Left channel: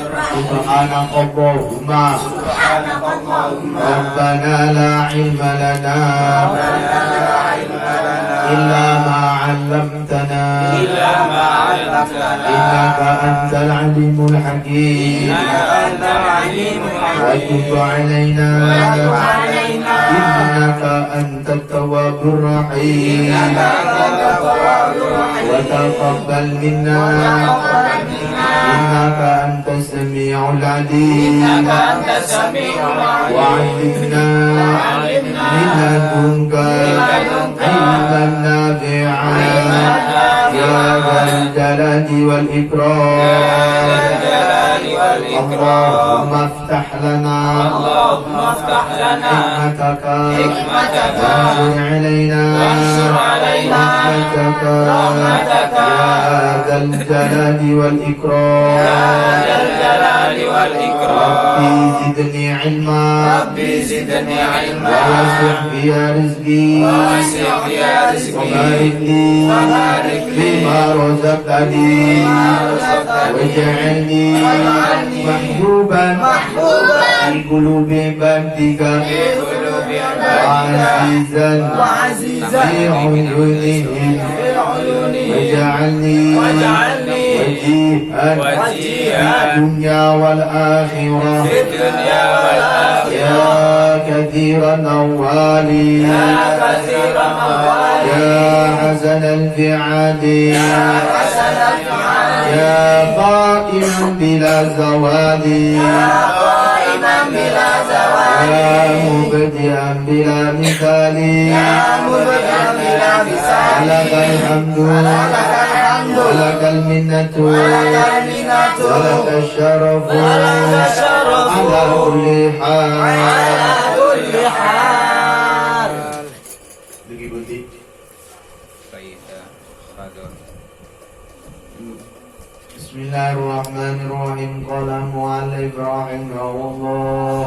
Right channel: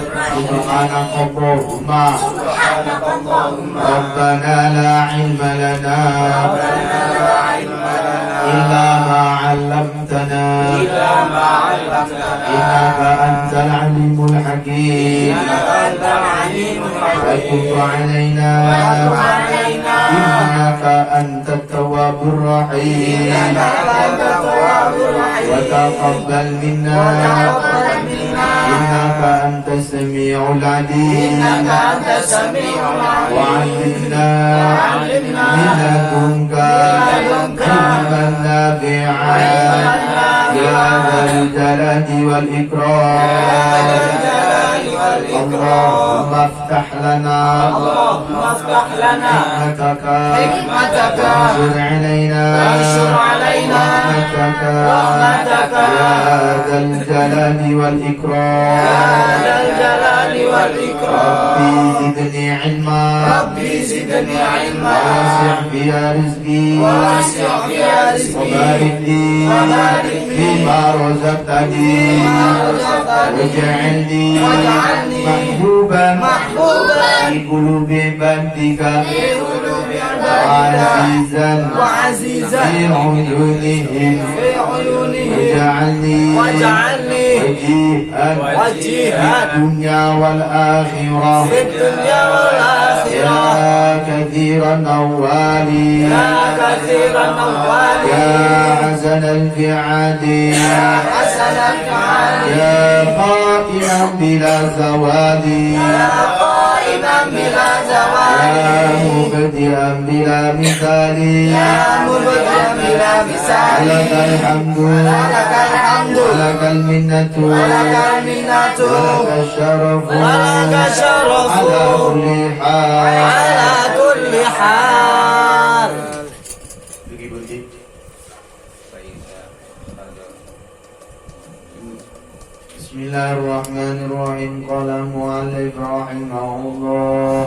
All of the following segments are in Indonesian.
سبحانك اللهم ربنا لا علم لنا إلا ما علمتنا إنك أنت العليم الحكيم وتب علينا إنك أنت التواب الرحيم وتقبل منا إنك أنت السميع العليم وعلمنا من لدنك علما نافعا يا ذا الجلال والإكرام اللهم افتح لنا حكمتك وانشر علينا رحمتك يا ذا الجلال والإكرام ربي زدني علما ووسع في رزقي وبارك لي فيما رزقتني واجعلني محبوبا في قلوب عبادك وعزيزا في عيونهم واجعلني وجيها في الدنيا والآخرة يا كثير الأموال يا حسن الفعال يا قائما بلا زوال يا مبدئا بلا مثال لك الحمد ولك المنة ولك الشرف على كل حال. Bismillahirrahmanirrahim. Qala mu'allif rahimahullah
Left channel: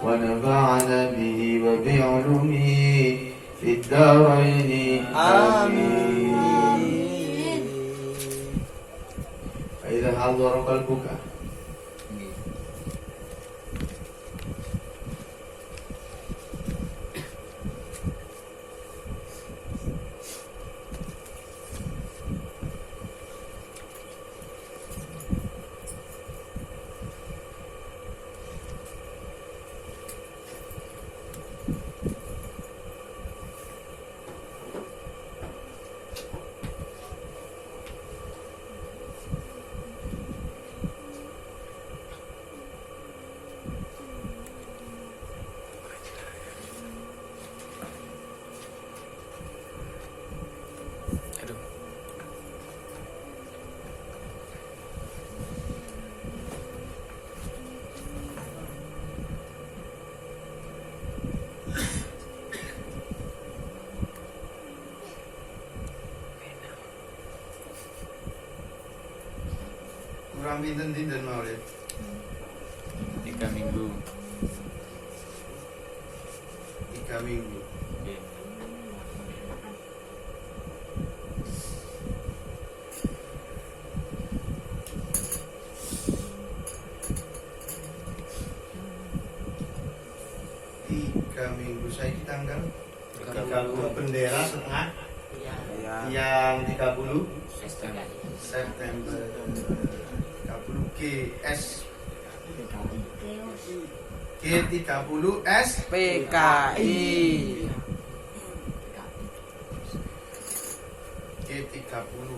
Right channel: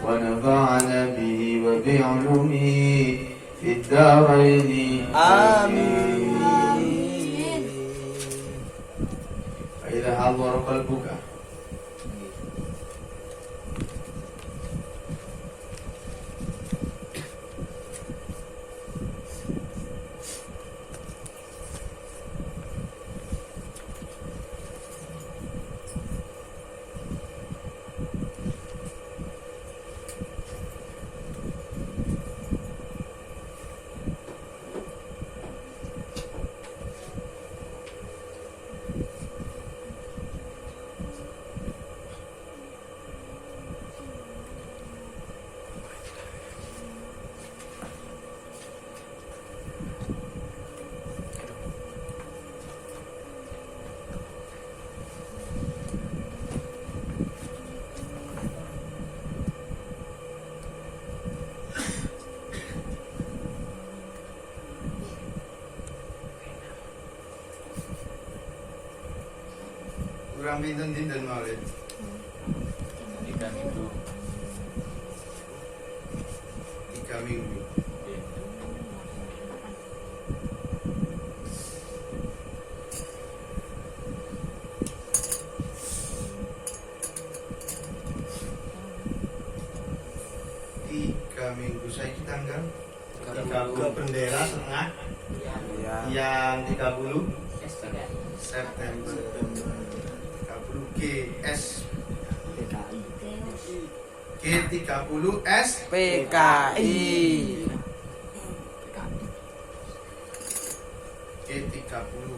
wa nafa'ana bihi wa bi'ulumihi fid daraini amin. Idza hadara qalbuka kurang pinten-pinten Maulid 3 minggu 3 minggu. Saya di tanggal 30 bendera setengah yang 30 September 30 GS G30S PKI G30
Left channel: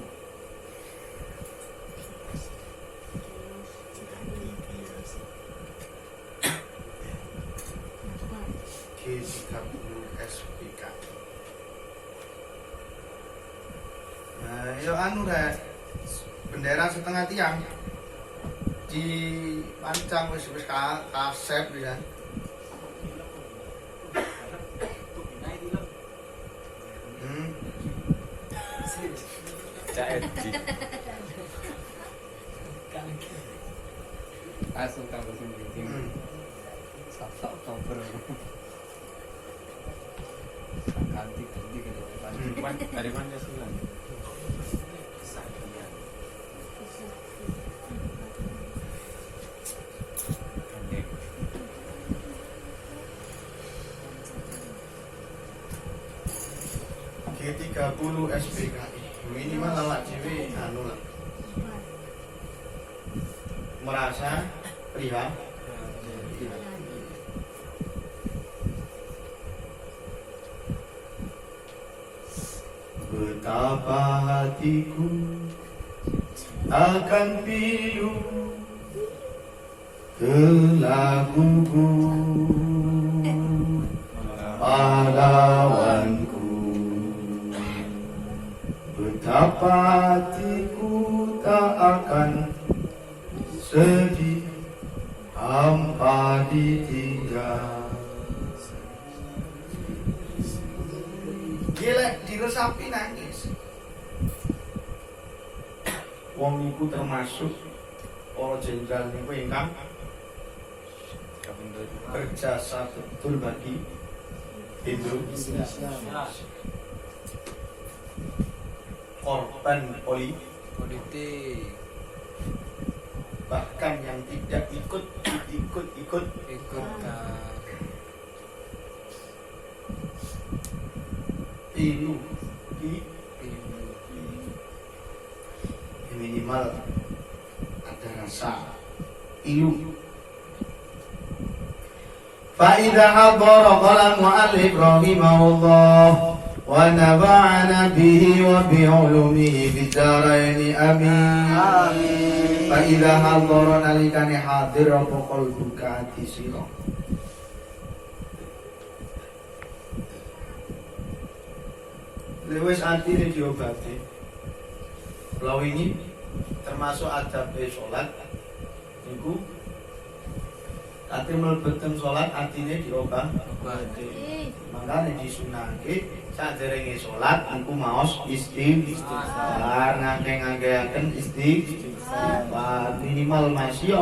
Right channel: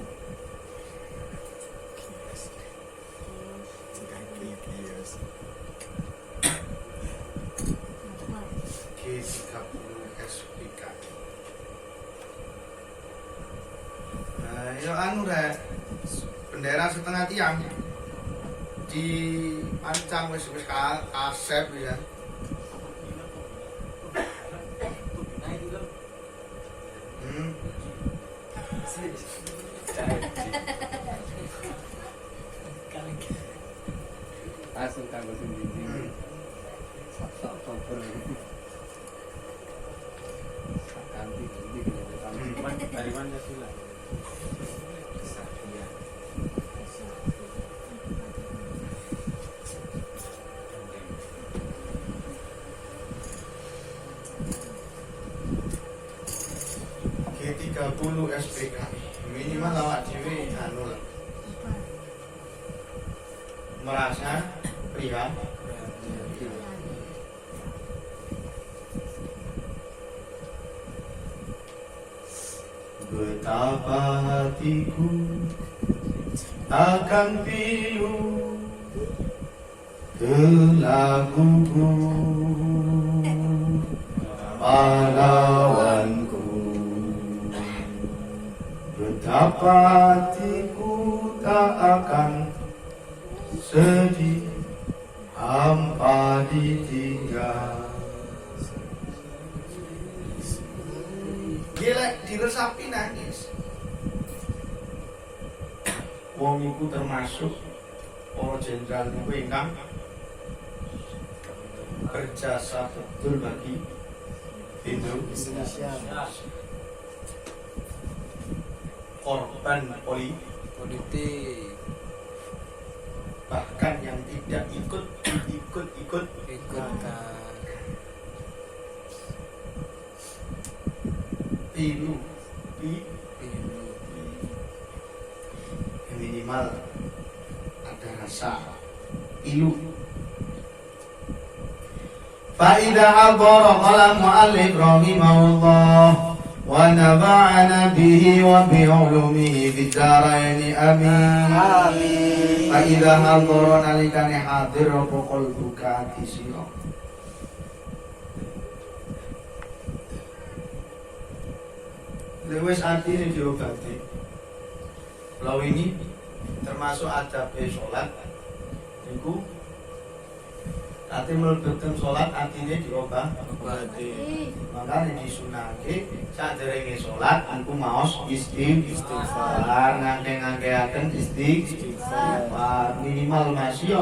G30S PKI. Nah, ya anu rek bendera setengah tiang di pancang wis kasep bisa. Langsung kamu sendiri. Sak cover. Ganti gitu. Dari Pancasila. 30 SPKI minimal awak dhewe anu lah. Merasa prihatin. Betapa hatiku akan pilu ke laguku pahlawanku. Betapa hatiku tak akan sedih hampa ditinggal. Gila diresapi nangis. Wong iku termasuk para jenderal niku ingkang berjasa betul bagi Indonesia. Korban politik, bahkan yang tidak ikut pilu minimal ada rasa ilu. Fa'idha hadara qala mu'allif rahimahullah wa naba'ana bihi wa bi'ulumihi fid-daraini amin. Fa'idha hadara nalikane hadir apa qalbuka ati sira. Lewis artinya diobati. Kalau ini termasuk adab sholat, itu nanti melebetkan sholat artinya diobati. Makanya disunahke saat derenge sholat, aku maos istighfar, ngangge-nganggeaken istighfar minimal masih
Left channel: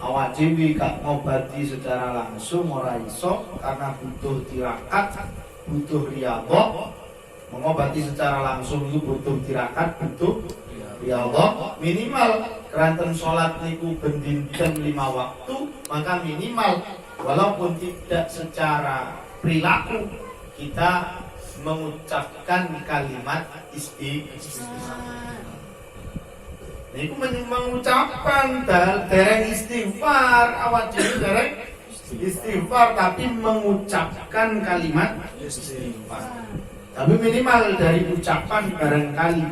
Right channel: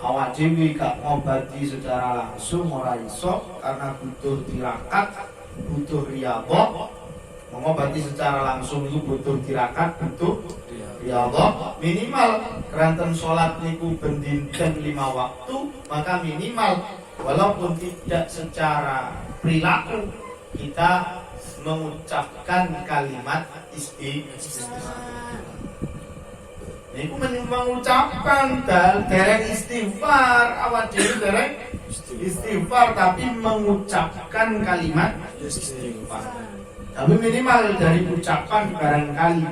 awak dhewe gak ngobati secara langsung ora iso karena butuh tirakat, butuh riyadhah. Mengobati secara langsung itu butuh tirakat, butuh riyadhah. Minimal keranten sholat niku bendinten 5 waktu, maka minimal walaupun tidak secara perilaku kita mengucapkan kalimat istighfar. Niku mengucapkan dereng istighfar, awak dhewe dereng istighfar tapi mengucapkan kalimat istighfar. Tapi minimal dari ucapan barangkali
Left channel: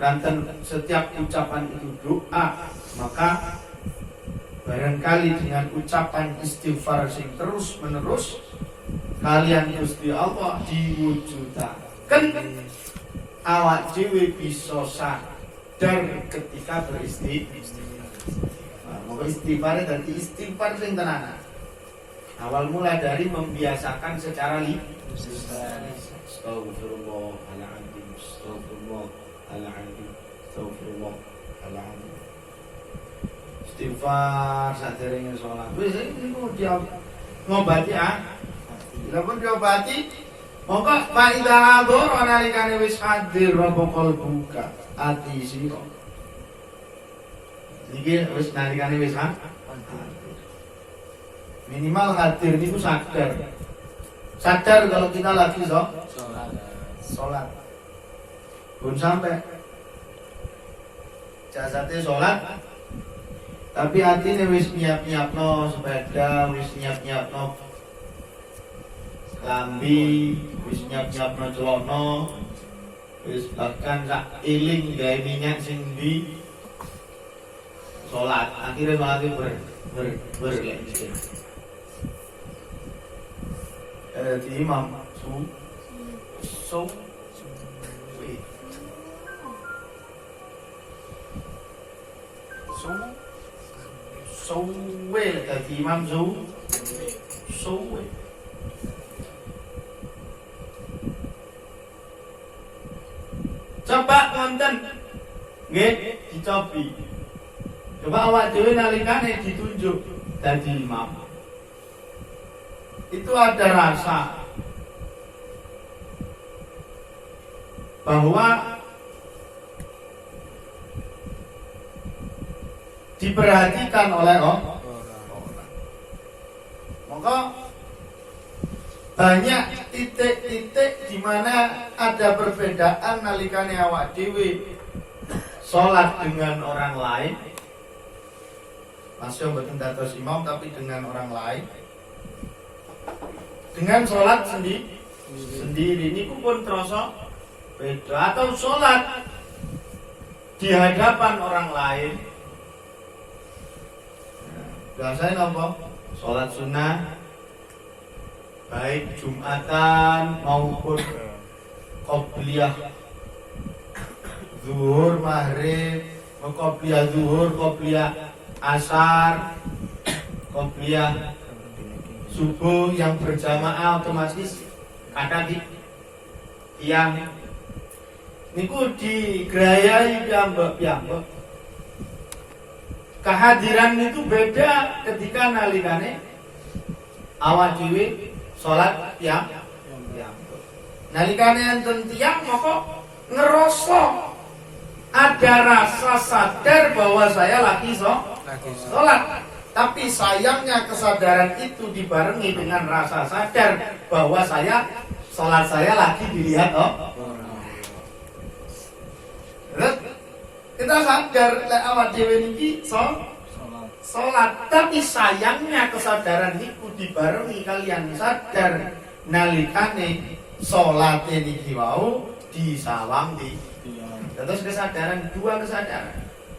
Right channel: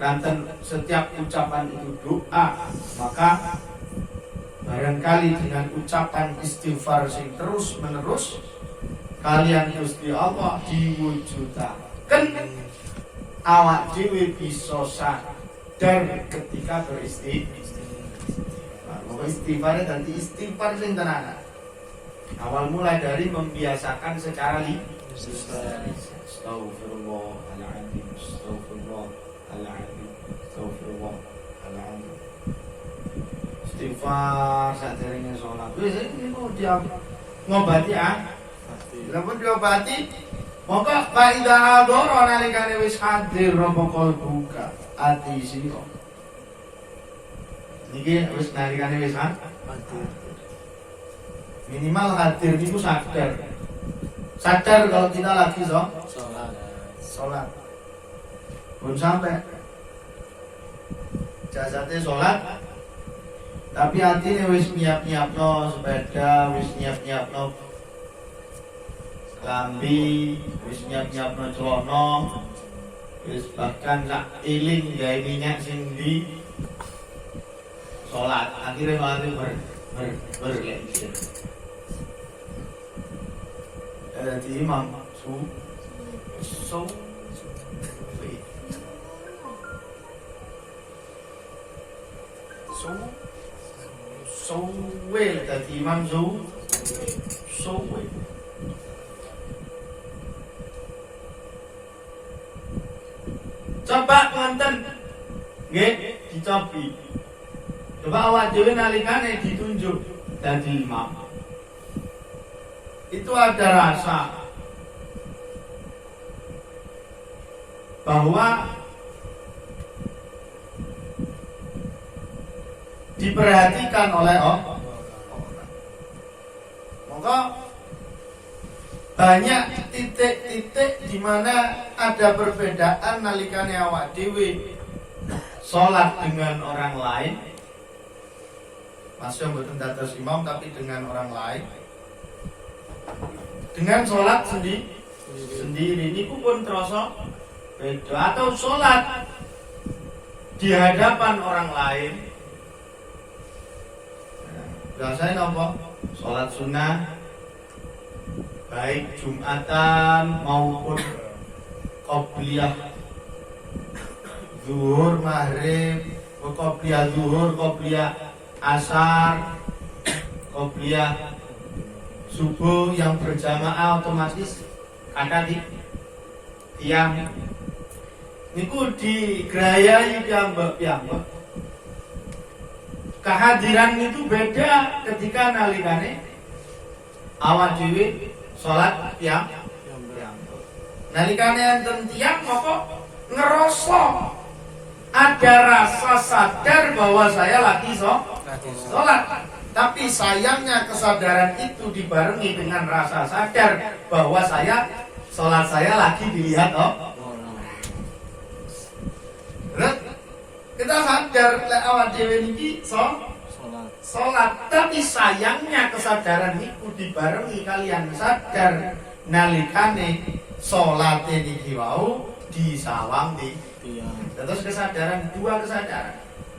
ranten setiap ucapan itu doa, maka barangkali dengan ucapan istighfar sing terus menerus kalian Gusti Allah diwujudaken awak dhewe bisa sadar ketika beristighfar. Maka istighfar tadi istighfar sing tenanan. Awal mulai dari membiasakan secara Astaghfirullahaladzim, astaghfirullahaladzim, astaghfirullahaladzim. Istighfar saderenge sholat. Wis niku dia ngobati Lamun diobati, maka faida hador nalikane wis hadir apa qalbuka ati sira. Niki wis nalikane wis hadir. Minimal hadir niku sadar. Sadar kalau kita lagi sholat. Pun sampai jasadnya sholat, tapi hatinya wis nyiap-nyiapno sepeda, wis nyiap-nyiapno lambi, wis nyiap-nyiapno celana, wis bahkan sak iling gawe minyak sing di sholat. Akhirnya mati berlensin. Jadi imam suwe dadi imam suwe. Coba ngonten nggih dicobi. Coba awak dhewe nalikane ditunjuk dadi imam. Itu ada rasa bahwa diperhatikan oleh orang. Maka banyak titik-titik di mana ada perbedaan nalikane awak dhewe salat dengan orang lain. Masih mboten dados imam tapi dengan orang lain. Dengan salat sendiri niku pun terasa beda, atau salat di hadapan orang lain. Biasanya apa? Salat sunnah baik Jumatan maupun qobliyah zuhur, maghrib, qobliyah zuhur, qobliyah asar, qobliyah subuh yang berjamaah otomatis ada di tiang niku digrayai piyambak. Kehadiran itu beda ketika nalikane awak dhewe salat tiang. Nalikane enten tiang moko ngerasa ada rasa sadar bahwa saya lagi salat. Tapi sayangnya kesadaran itu dibarengi dengan rasa sadar bahwa salat saya lagi dilihat kita sadar lek awak dhewe niki salat, tapi sayangnya kesadaran niku dibarengi kalian sadar nalikane salate niki wau disawang di. Terus dua kesadaran.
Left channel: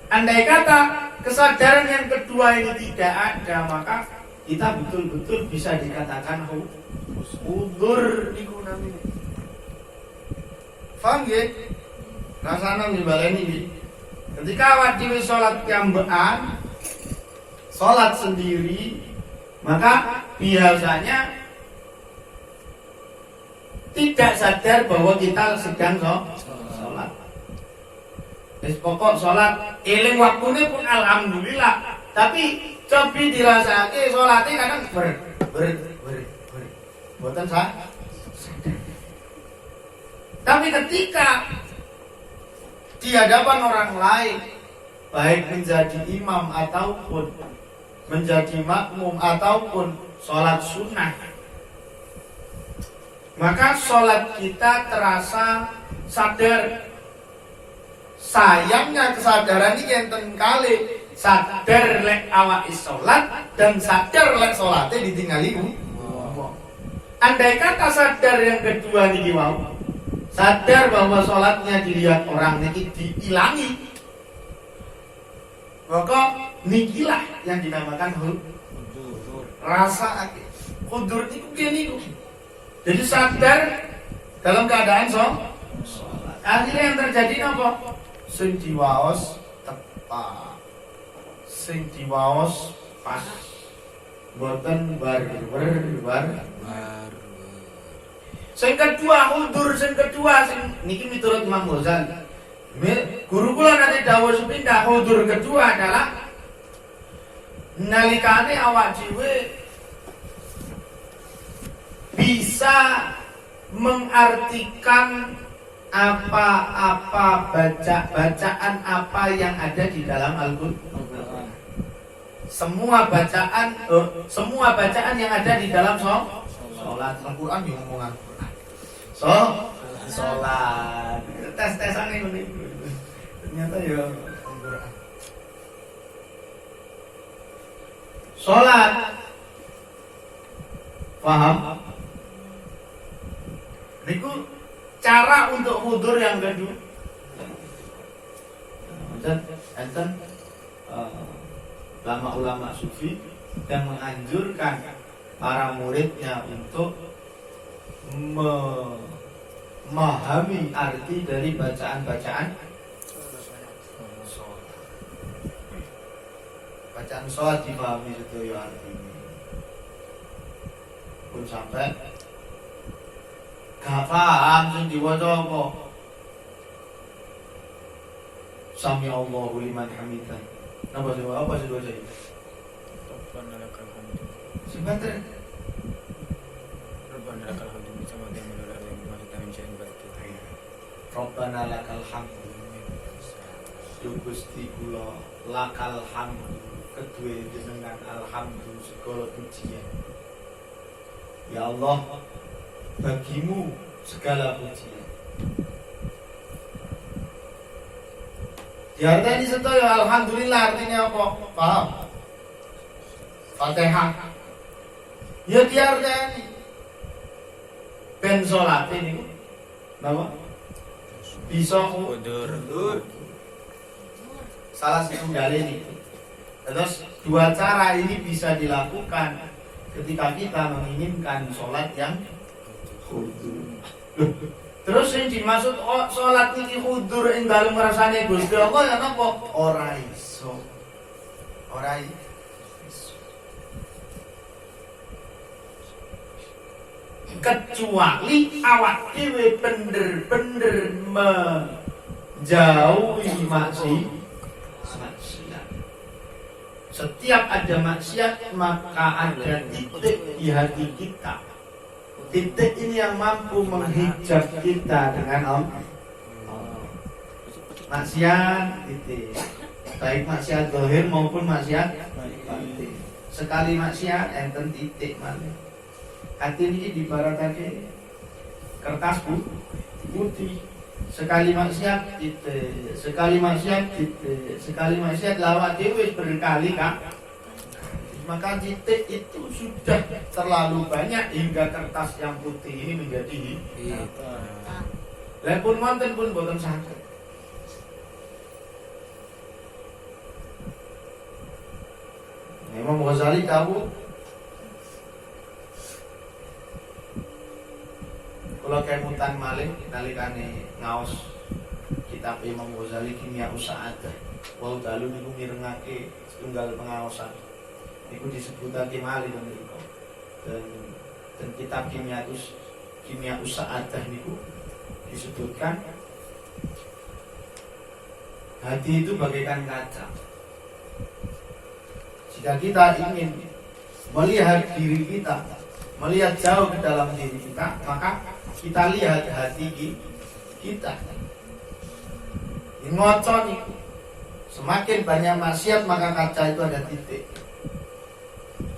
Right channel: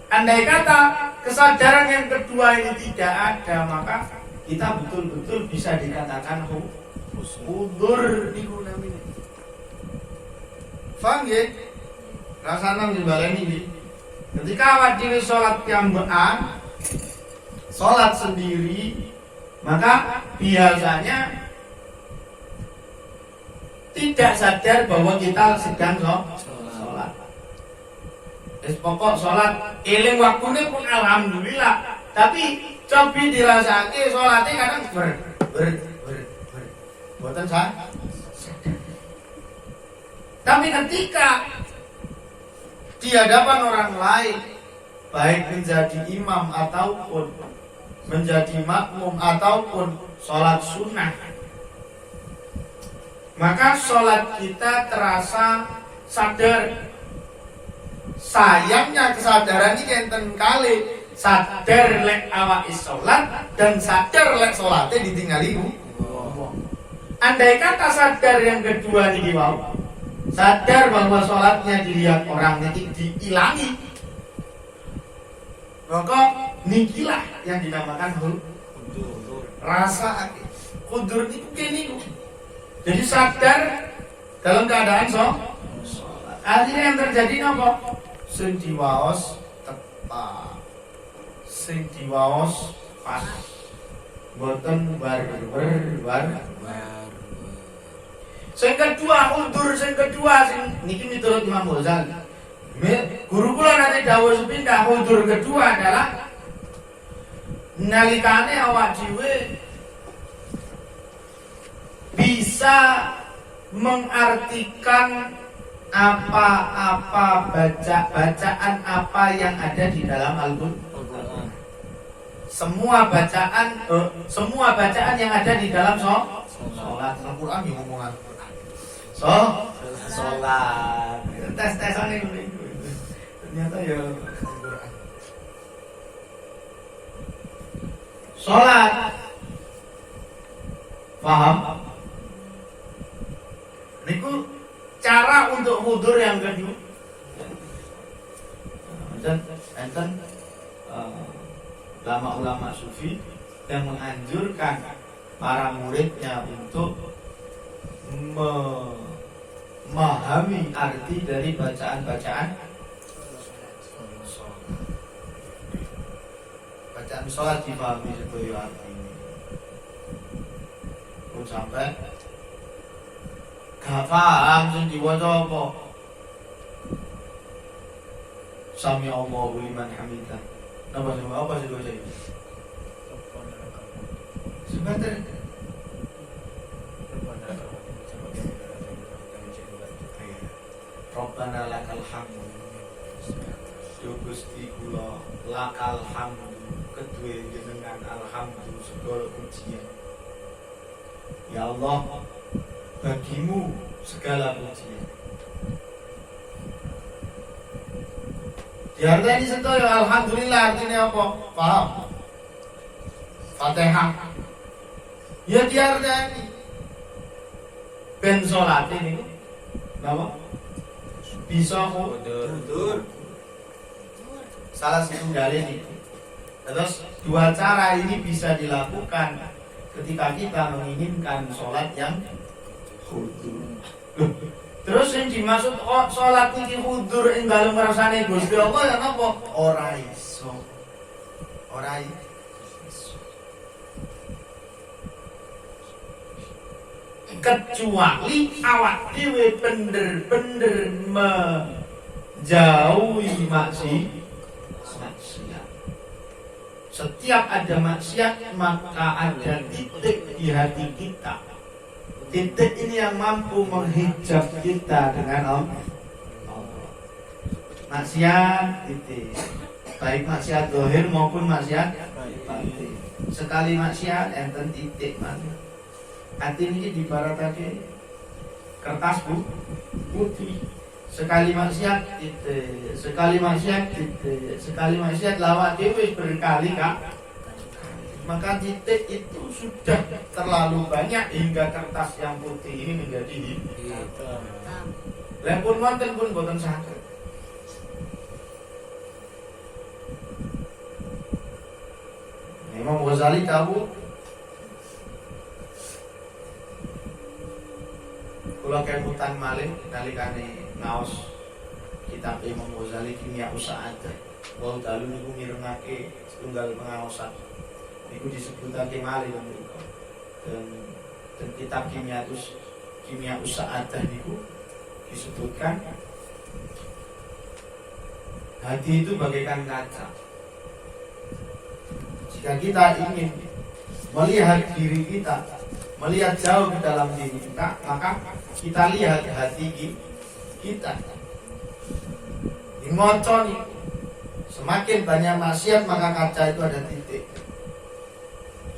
Andai kata kesadaran yang kedua ini tidak ada, maka kita betul-betul bisa dikatakan udzur niku namanya. Paham nggih? Rasane ngibaleni iki. Ketika awak dhewe salat piyambakan, salat sendiri, maka biasanya tidak sadar bahwa kita sedang salat. Wis pokok salat eling waktune pun alhamdulillah, tapi cobi dirasake salate kadang ber. Mboten sadar. Tapi ketika di hadapan orang lain, baik menjadi imam ataupun menjadi makmum ataupun sholat sunnah, maka sholat kita terasa sadar. Sayangnya kesadaran ini enten kali sadar lek awak sholat dan sadar lek sholatnya ditinggali. Andai kata sadar yang kedua niki wau, sadar bahwa sholatnya dilihat orang niki diilangi, maka nikilah yang dinamakan rasa hudur niku niku. Jadi sadar dalam keadaan sholat. Akhirnya yang terjadi nopo? Sing diwaos tepat, sing diwaos pas, boten bar. Sing kedua hudur, sing niki miturut Imam Ghazali. Guru kula nanti dawuh sepindah hudur kedua adalah nalikane awak dhewe bisa mengartikan apa-apa bacaan apa yang ada di dalam Al-Qur'an. Semua bacaan yang ada di dalam sholat. Al-Qur'an yang ngomong Al-Qur'an. Sholat. Tes-tesan ini. Ternyata ya Al-Qur'an. Sholat. Paham? Niku cara untuk hudur yang kedua. Enten ulama-ulama sufi yang menganjurkan para muridnya untuk memahami arti dari bacaan sholat dipahami itu artinya. Pun sampai gak paham sing diwaca apa. Sami Allahu liman hamidah. Apa sih baca itu? Sebentar. Rabbana lakal hamdu. Gusti kula lakal hamdu. Kedue jenengan alhamdulillah segala pujian. Ya Allah, bagimu segala pujian. Diarteni sedaya alhamdulillah artinya apa? Paham? Fatihah. Ya diarteni ben salat ini napa? Bisa Udur. salah satu ini. Terus dua cara ini bisa dilakukan ketika kita menginginkan sholat yang khudur. Terus yang dimaksud sholat ini khudur ing dalem rasane Gusti Allah ya napa? Ora iso. Ora iso. Kecuali awak dhewe bener-bener menjauhi maksiat. Setiap ada maksiat maka ada titik di hati kita. Titik ini yang mampu menghijab kita dengan Allah. Maksiat titik, baik maksiat zahir maupun maksiat batin. Sekali maksiat enten titik mana? Hati ini dibaratake kertas putih. Sekali maksiat titik, sekali maksiat titik, sekali maksiat lawat dewe berkali kan. Maka titik itu sudah terlalu banyak hingga kertas yang putih ini menjadi hitam. Lepun wonten pun boten saged. Imam Ghazali tahu kula kemutan malih nalikane ngaos kitab Imam Ghazali Kimia Usa'adah. Wau dalu niku mirengake setunggal pengaosan. Niku disebutake malih to niku. Dan kitab Kimia Usa'adah niku disebutkan hati itu bagaikan kaca. Jika kita ingin melihat diri kita, melihat jauh ke dalam diri kita, maka kita lihat hati kita. Ngocon itu. Semakin banyak maksiat maka kaca itu ada titik.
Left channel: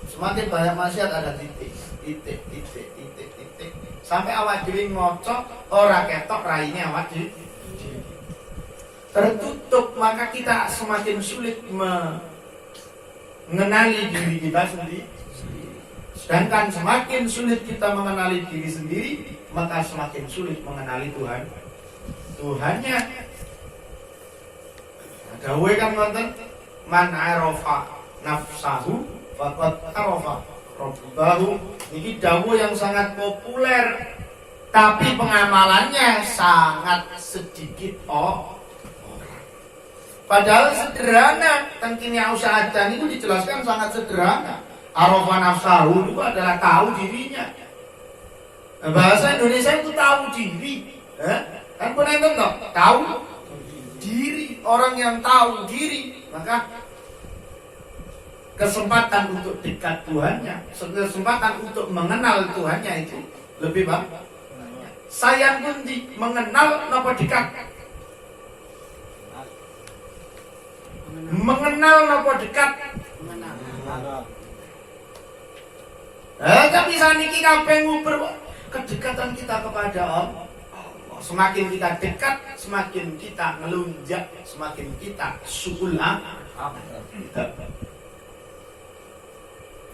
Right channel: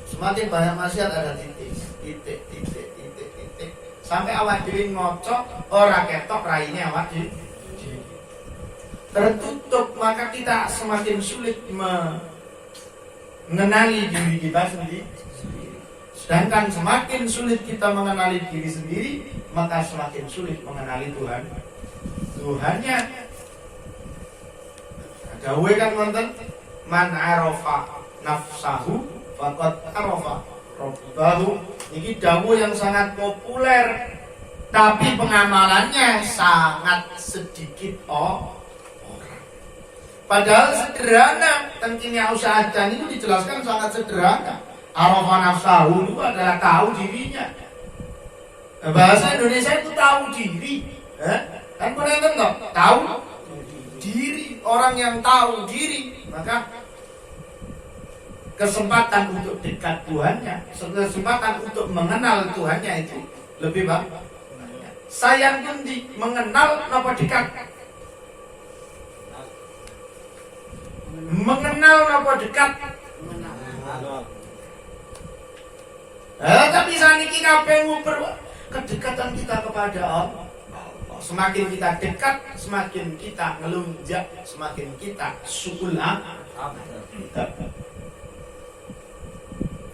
Semakin banyak maksiat ada titik. Sampai awak dhewe ngocok ora ketok raine awak dhewe. Tertutup maka kita semakin sulit mengenali diri kita sendiri. Sedangkan semakin sulit kita mengenali diri sendiri, maka semakin sulit mengenali Tuhan. Tuhannya dawuh kan wonten man arafa nafsahu faqad arafa rabbahu. Ini dawuh yang sangat populer, tapi pengamalannya sangat sedikit orang. Padahal sederhana. Tengkinya Usa'adah itu dijelaskan sangat sederhana. Arafa nafsahu itu adalah tahu dirinya. Bahasa Indonesia itu tahu diri. Kan pun enten toh, tahu diri. Orang yang tahu diri, maka kesempatan untuk dekat Tuhannya, kesempatan untuk mengenal Tuhannya itu lebih banyak. Sayang pun mengenal napa dekat. Mengenal napa dekat. Tapi saniki kabeh nguber kedekatan kita kepada Allah. Semakin kita dekat, semakin kita ngelunjak, semakin kita sukul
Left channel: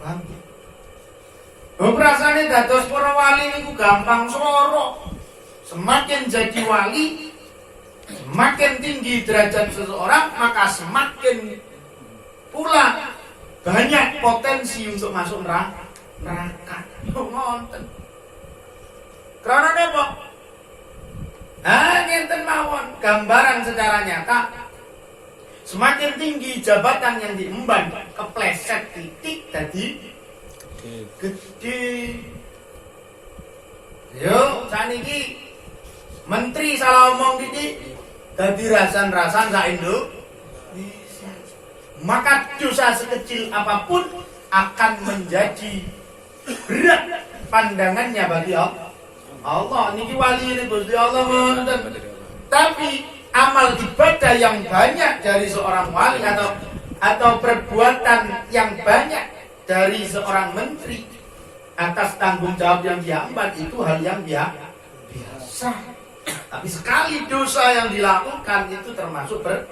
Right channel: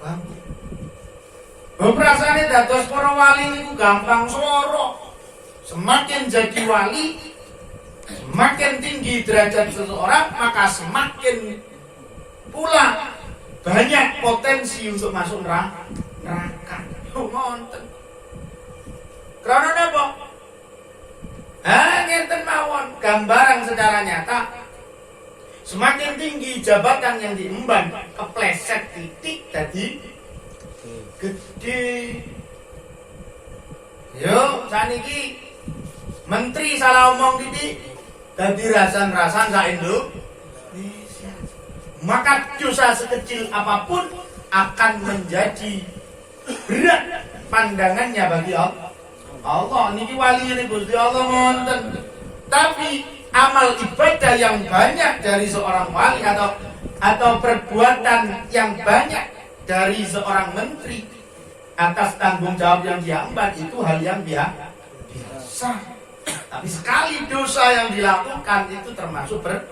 paham? Berasane dados para wali niku gampang sloro. Semakin jadi wali, semakin tinggi derajat seseorang, maka semakin pula banyak potensi untuk masuk neraka. Ngonten. Karena apa? Ngenten mawon gambaran secara nyata. Semakin tinggi jabatan yang diemban, kepleset titik tadi gede. Yo, saniki menteri salah omong titik dadi rasan-rasan sak Indonesia. Maka dosa sekecil apapun akan menjadi berat pandangannya bagi Allah. Niki wali ini Gusti Allah wonten. Tapi amal ibadah yang banyak dari seorang wali atau perbuatan yang banyak dari seorang menteri atas tanggung jawab yang dia emban itu hal yang biasa. Tapi sekali dosa yang dilakukan itu termasuk berat.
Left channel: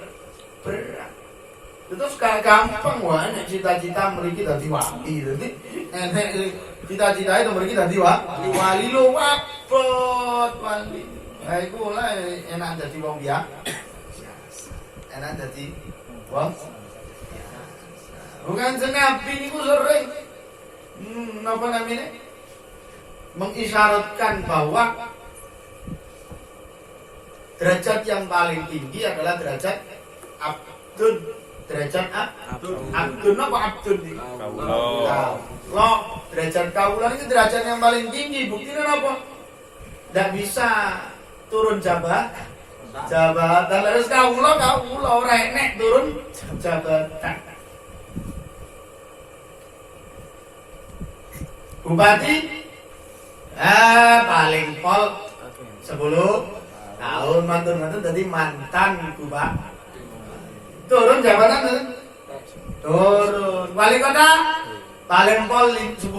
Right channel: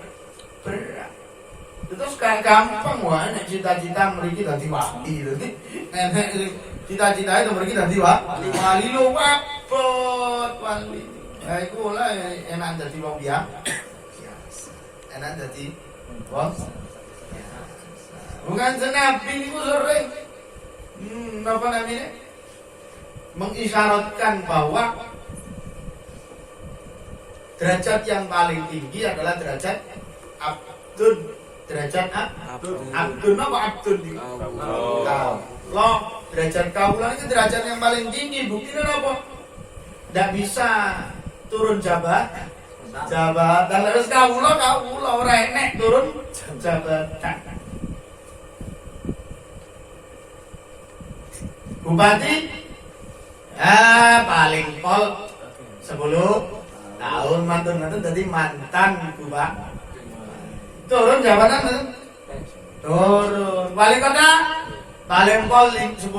Itu sekarang gampang wah, nek cita-cita mriki dadi wali. Dadi enek cita-cita itu mriki dadi wali. Wali lo wapot wali. Iku lah enak dadi wong biasa. Enak dadi wong biasa. Bukan senapi niku sering apa namanya? Mengisyaratkan bahwa derajat yang paling tinggi adalah derajat abdun. Derajat abdun apa abdun? Lo derajat kaulah itu derajat yang paling tinggi. Buktinya apa? Tidak bisa turun jabatan. Terus kaulah orang enek turun jabatan. Bupati paling pol 10 tahun mantan jadi mantan bupati. Turun jabatan turun. Wali kota paling pol 10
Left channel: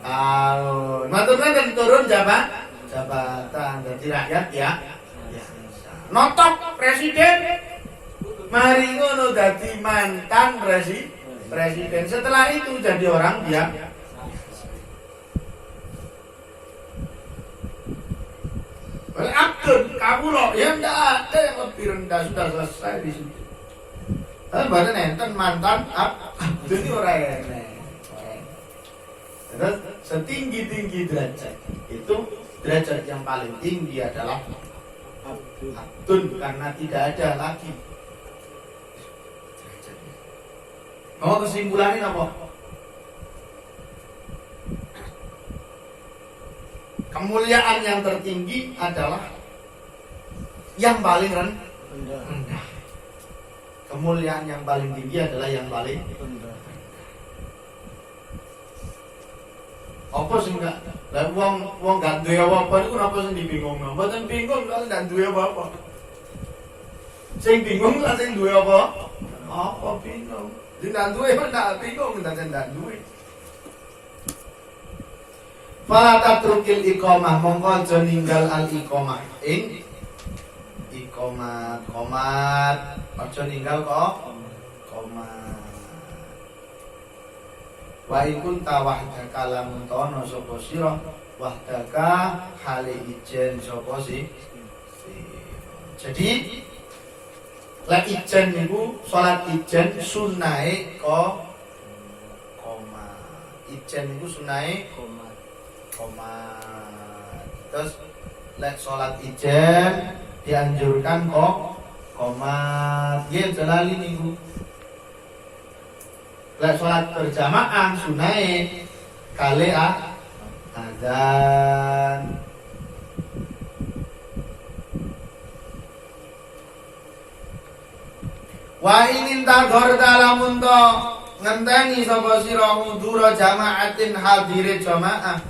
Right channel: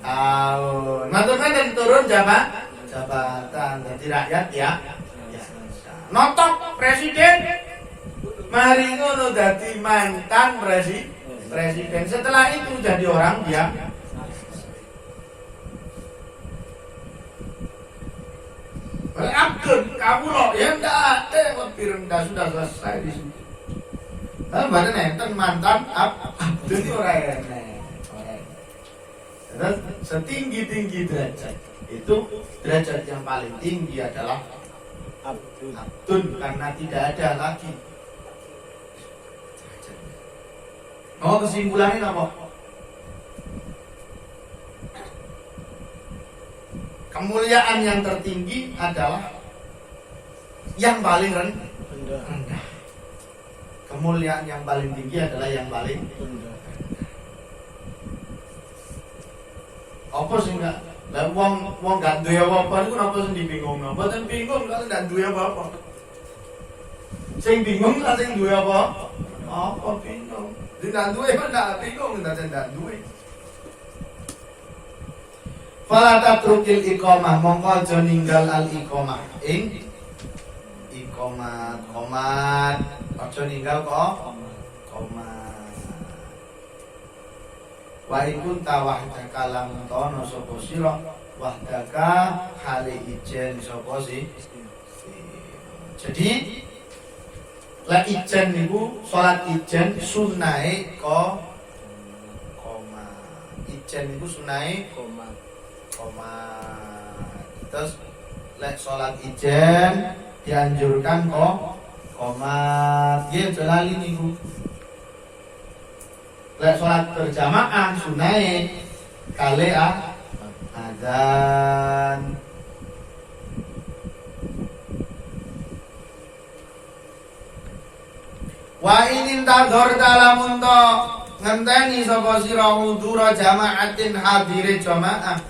tahun. Mantan turun jabatan jadi rakyat ya. Notok presiden mari ngono dadi mantan presiden. Setelah itu jadi orang dia. Abdul, kamu loh, ya enggak ada yang lebih rendah, sudah selesai di situ. Tapi badan enten mantan Abdul ini orang enek. Terus setinggi-tinggi derajat itu derajat yang paling tinggi adalah Abdul karena tidak ada lagi. Oh kesimpulannya apa? Kemuliaan yang tertinggi adalah yang paling rendah. Kemuliaan yang paling tinggi adalah yang paling rendah. Apa sih enggak? Lah wong gak duwe apa-apa niku napa sing dibingung? Mboten bingung kalau ndak duwe apa-apa. Sing bingung lah sing duwe apa? Apa bingung? Ndak duwe ndak bingung ndak duwe. Fala tatrukil iqamah mongko aja ninggal al iqamah ing iqamah qomat aja ninggal kok qomat wa ikun tawahdaka lamun tono sapa sira wahdaka hale ijen sapa sih. Jadi la ijen niku salat ijen sunahe qomat. Ijen niku sunahe qomat. Terus lek sholat ijen dianjurkan qomat. Nggih jalali niku. Lek sholat berjamaah sunai kali azan. Wa inin tadhor dalamun to ngenteni sapa sira hudura jamaatin hadire jamaah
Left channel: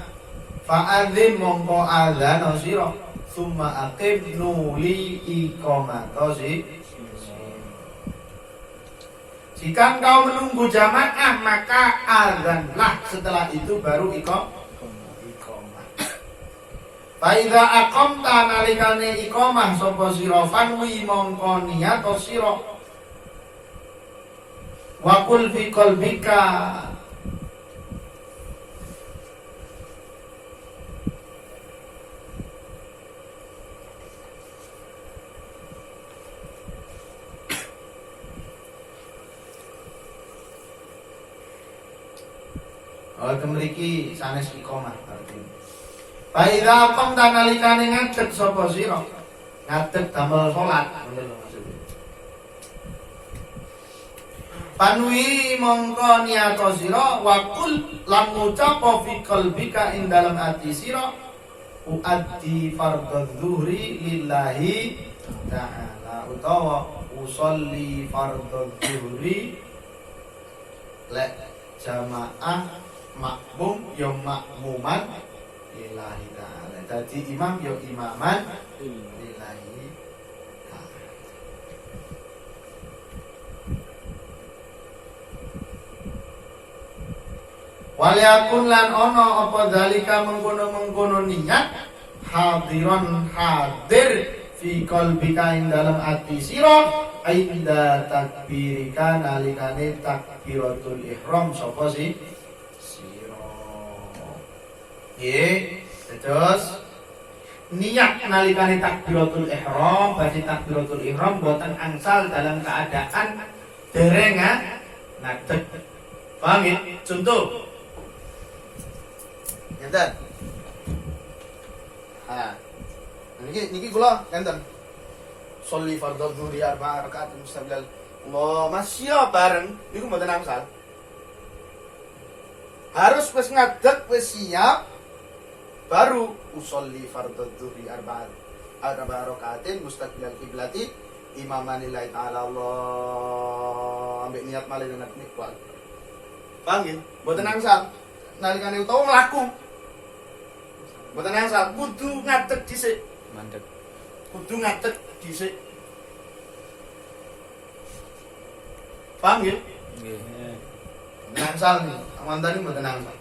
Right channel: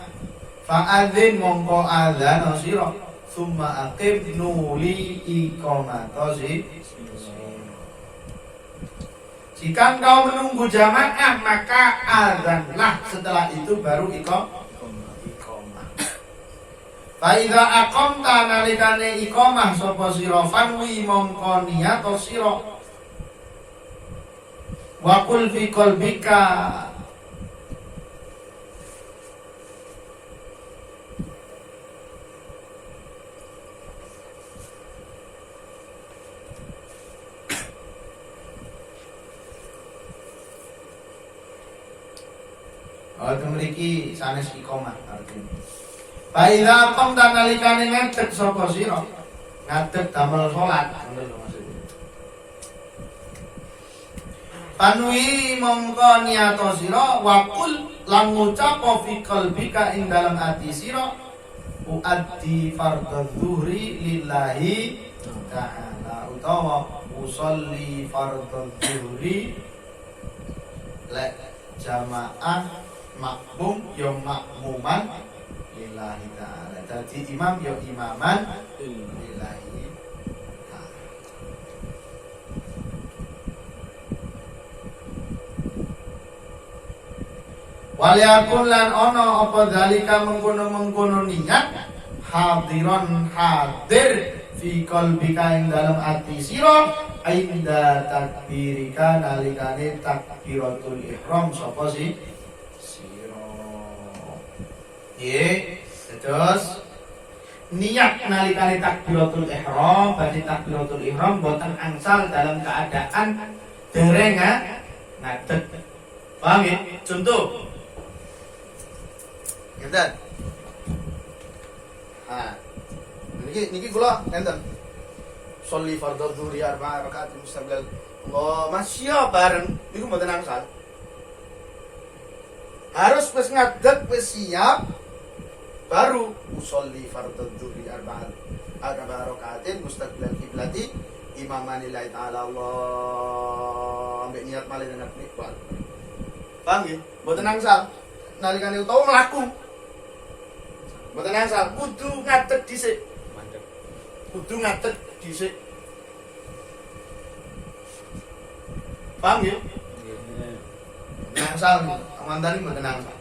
fa'adzin mongko azan sira summa aqim nuli iqamata jika engkau menunggu jamaah maka azanlah, setelah itu baru iqamah. Fa idza aqamta nalikane iqamah sapa sira fanwi mongko niat sira wa qul fi qalbika kemriki sanes iqamah artinya. Fa idza qamta nalikane ngadeg sapa sira ngadeg damel salat maksudnya. Panwi mongko niato sira wa qul lan ngucap fi qalbika ing dalam ati sira uaddi fardhu dzuhri lillahi ta'ala utawa usolli fardhu dzuhri lek jamaah makmum yo makmuman lillahi ta'ala. Dadi imam yo imaman lillahi ta'ala. Waliyakun lan ono apa dalika mengkono-mengkono niat hadiron hadir fi qalbika ing dalam ati sira ainda takbirika nalikane takbiratul ihram sapa sih sira. Terus niat nalikane takbiratul ihram, badhe takbiratul ihram boten angsal dalam keadaan dereng ngadeg. Paham ya? Contoh ngeten. Niki kula ngenten. Sholli fardhu dzuhri 4 rakaat mustaqbil. Allah masya bareng niku mboten angsal. Harus wis ngadeg, wis siap baru usolli fardhu dzuhri 4 rakaatin mustaqbil kiblati imaman lillahi ta'ala Allah ambek niat malih dengan nikmat. Paham nggih? Mboten angsal. Nalikane utawa mlaku. Mboten angsal, kudu ngadeg dhisik. Mandek. Kudu ngadeg dhisik. Paham nggih? Nggih. Mboten angsal nih, amantane mboten angsal.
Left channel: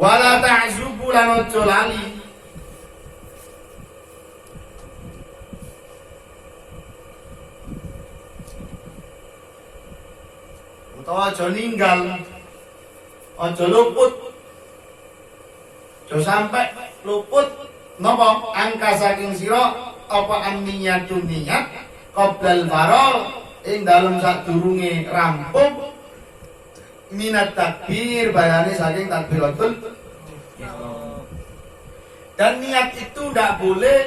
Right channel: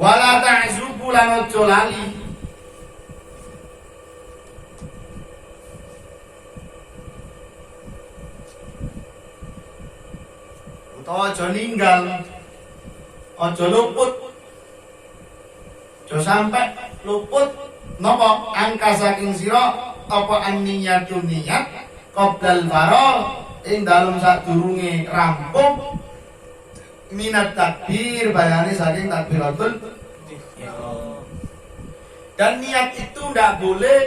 Wala ta'zubu lan ojo lali. Utawa aja ninggal. Aja luput. Aja sampai luput napa angka saking sira apa an-niyatu niat qoblal faragh ing dalem sadurunge rampung minat takbir bayane saking takbiratul ihram. Dan niat itu ndak boleh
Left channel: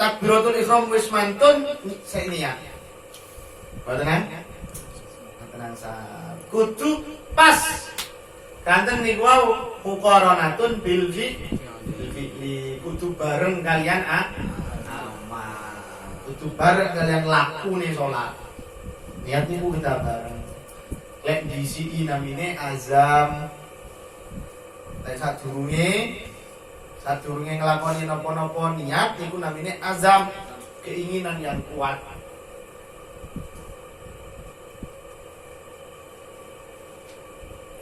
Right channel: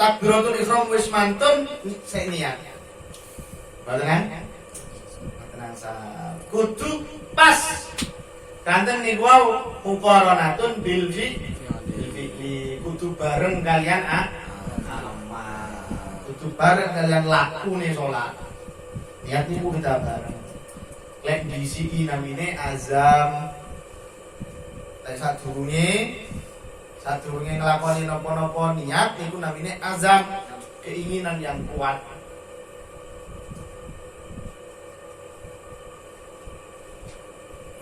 takbiratul ihram wis mantun sik niat. Mboten kan? Tenang kudu pas. Kanten niku wau muqaranatun bil fi'li kudu bareng kalian amal. Kudu bareng kalian lakune salat. Niat niku kita bareng. Lek disiki namine azam. Lek sadurunge nglakoni napa-napa niat niku namine azam, keinginan yang kuat.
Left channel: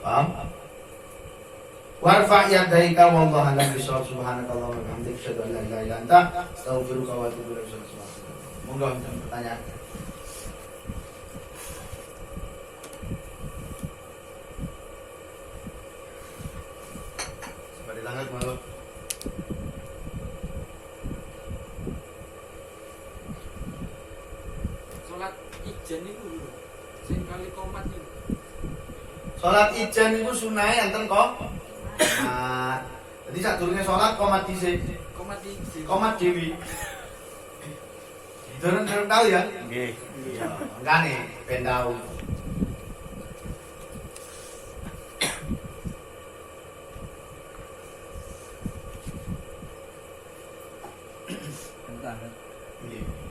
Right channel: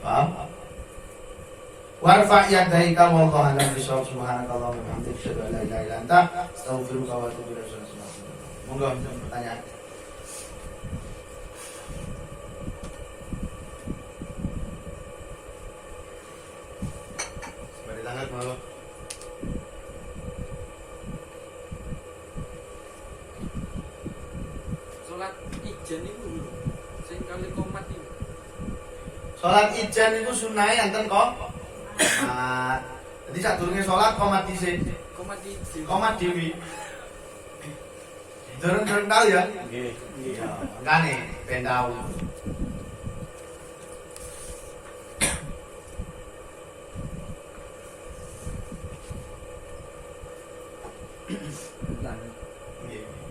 Paham? Warfa yadaika wallahu a'lam bishawab. Subhanakallahumma wa bihamdika asyhadu an la ilaha illa anta astaghfiruka wa atubu ilaik. Monggo pertanyaan. Bari langit mau. Salat ijen niku sing kali komat niku. Salat ijen niku sunahe enten kok. Jadi sadurunge salat komat dhisik. Komat ijen. Komat dewi. Durung tahu ya? Nggih. Iya, makane ben tahu.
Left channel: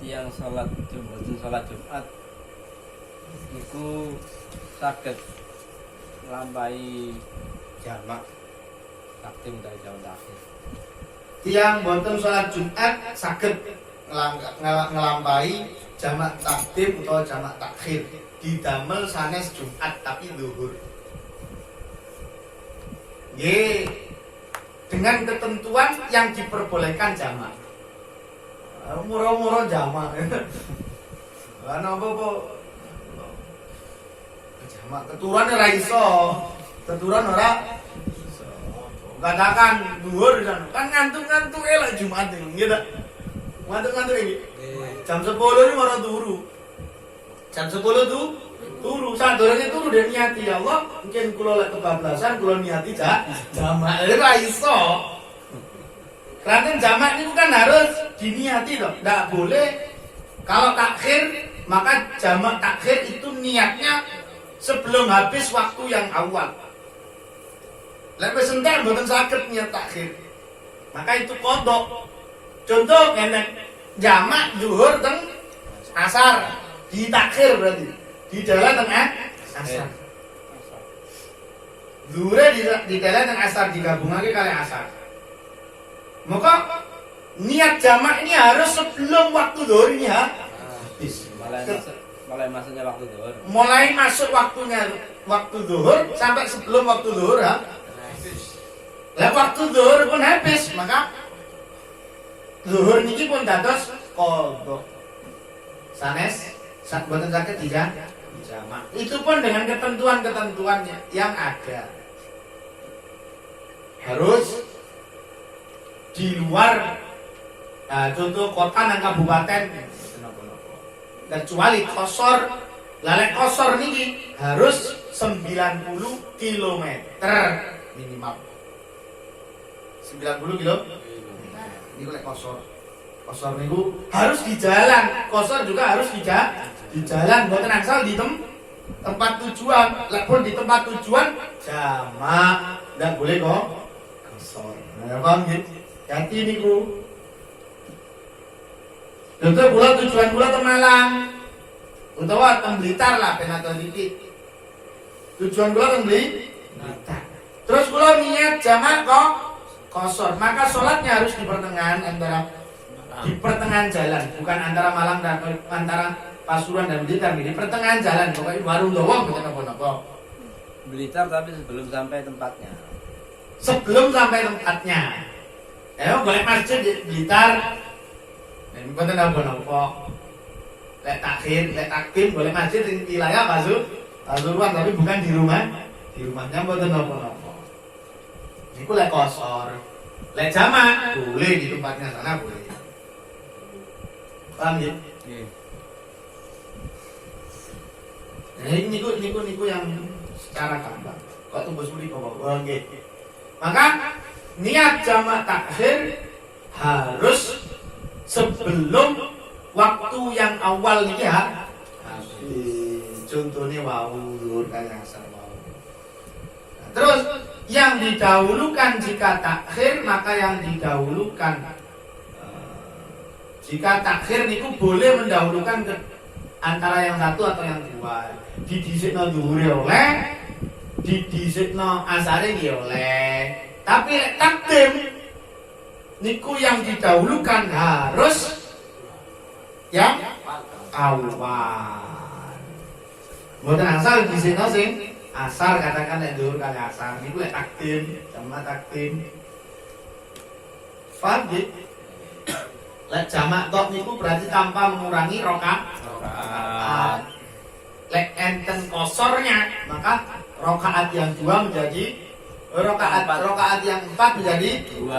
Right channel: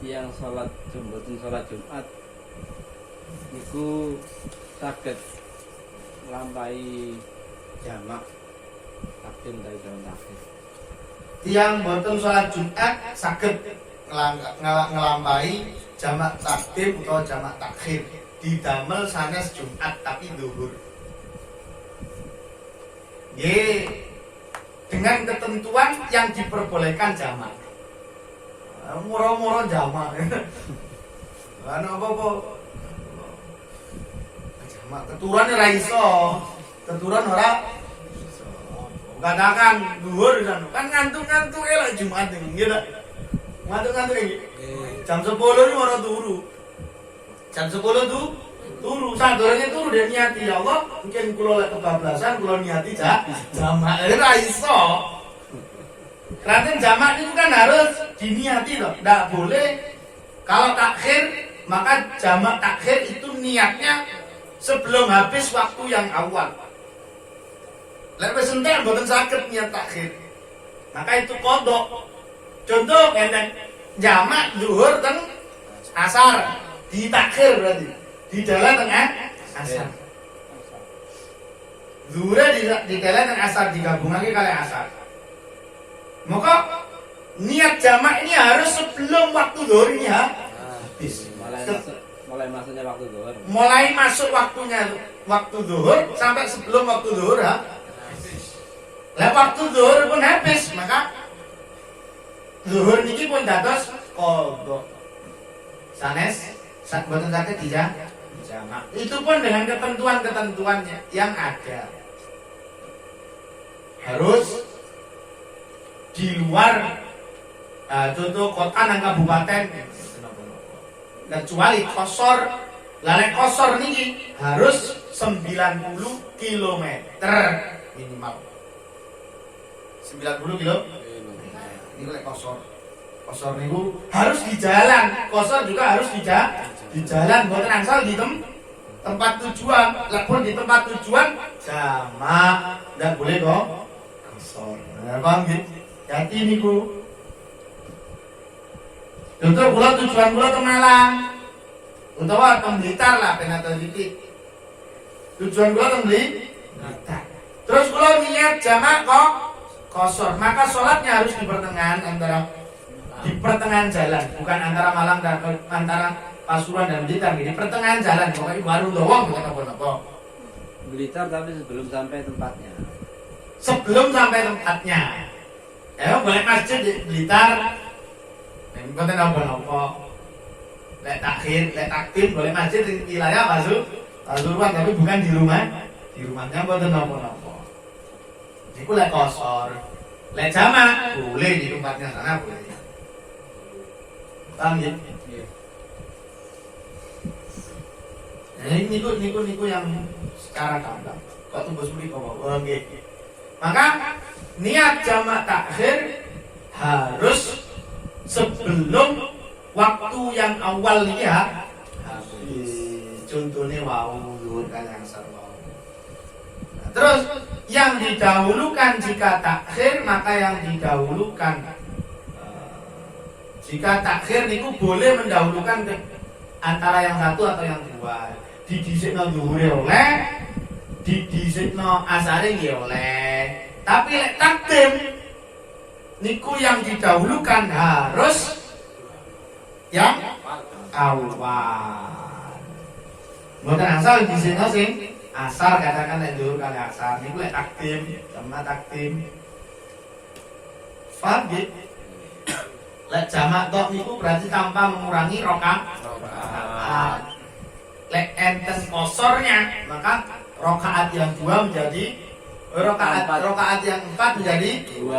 Tiang salat Jumat niku saged nglampahi jamak takdim dari jamak akhir. Tiang boten salat Jumat saged ngelampahi jamak takdim atau jamak takhir didamel sanes Jumat tapi zuhur. Ye, dengan ketentuan yang diperbolehkan jamak. Murah-murah jamak. Ana apa-apa. Jamak keturunan ora iso. Keturunan ora iso. Katakan zuhur kan ngantuk-ngantuk elok Jumat nggih ta. Ngantuk-ngantuk iki. Jam 10 ini ora turu. Jam 10 tuh turu. Sadurunge turu dan niati ya Allah, mungkin kula lek kebablasan kula niati jamak. Ora iso. Karena jamak itu kan harus diniati loh. Nggak boleh. Kalau takhir, maka jamak takhir itu niatnya sebelum habis waktu yang awal. Lek wis entek mboten saged niat takhir. Maka itu kodok. Contoh ngene, jamak zuhur teng asar, di takhir berarti. Di dalam tengah asar. Zuhur di dalam teng asar digabungake kali asar. Maka niat jamak ini harus sebelum waktu zuhur ini ya. Habis. Mulai masuknya waktu zuhur. Mulai masuk waktunya waktu zuhur sampai sebelum waktu zuhur ya. Lah waktu zuhur pun habis, maka zuhur niki pun dados qadha. Sanes sak boten saged dijamak. Itu pun dengan ketentuan-ketentuannya yang ada. Harus di luar contoh kota dan kabupaten, kecuali kosor. Lalek kosor niki harus 90 km minimal. 90 kilo. Ini lek kosor. Kosor niku harus di jalan. Kosor juga harus di jalan. Mboten angsal di tempat tujuan. Lek pun di tempat tujuan jamak, ndak boleh kok kosor. Nah, paham nggih? Jadi niku. Contoh kula tujuan kula ke Malang. Utawa ke Blitar lah ben atau titik. Tujuan kula ke Blitar. Terus kula niat jamak kok kosor, maka sholatnya harus di pertengahan jalan, bukan antara Malang dan antara Pasuruan dan Blitar, di pertengahan jalan, pokoknya warung doang bukan apa-apa. Blitar tapi sebelum sampai tempatnya. Sebelum sampai tempatnya, balik masjid di Blitar, ini bukan apa-apa. Lek takdim boleh masjid di wilayah Pasuruan, tapi bukan di rumahnya bukan apa-apa. Ini lek kosor, lek jamak boleh di tempatnya sana boleh. Paham ya? Nah, ini niku yang secara gamblang. Kok tunggu suli bawa nggih. Maka niat jamak takhir harus sebelum waktu yang awal nih ya. Contohnya wau kan yang sarwau. Nah, terus yang didahulukan jika takhir, maka yang didahulukan jika takhir niku boleh mendahulukan ke antara yang satu atau yang dua. Didhisikno dhuwure oleh, didhisikno asare nggih oleh. Tapi lek takdim niku yang didahulukan harus yang awal. Mboten angsal didhisikno sing asar, katakan lek dhuwur kali asar niku lek takdim, jamak takdim. Faham nggih? Lek jamak tok niku berarti tanpa mengurangi rakaat. Lek enten kosornya, maka rakaat yang 2 menjadi rakaat yang 4 menjadi 2.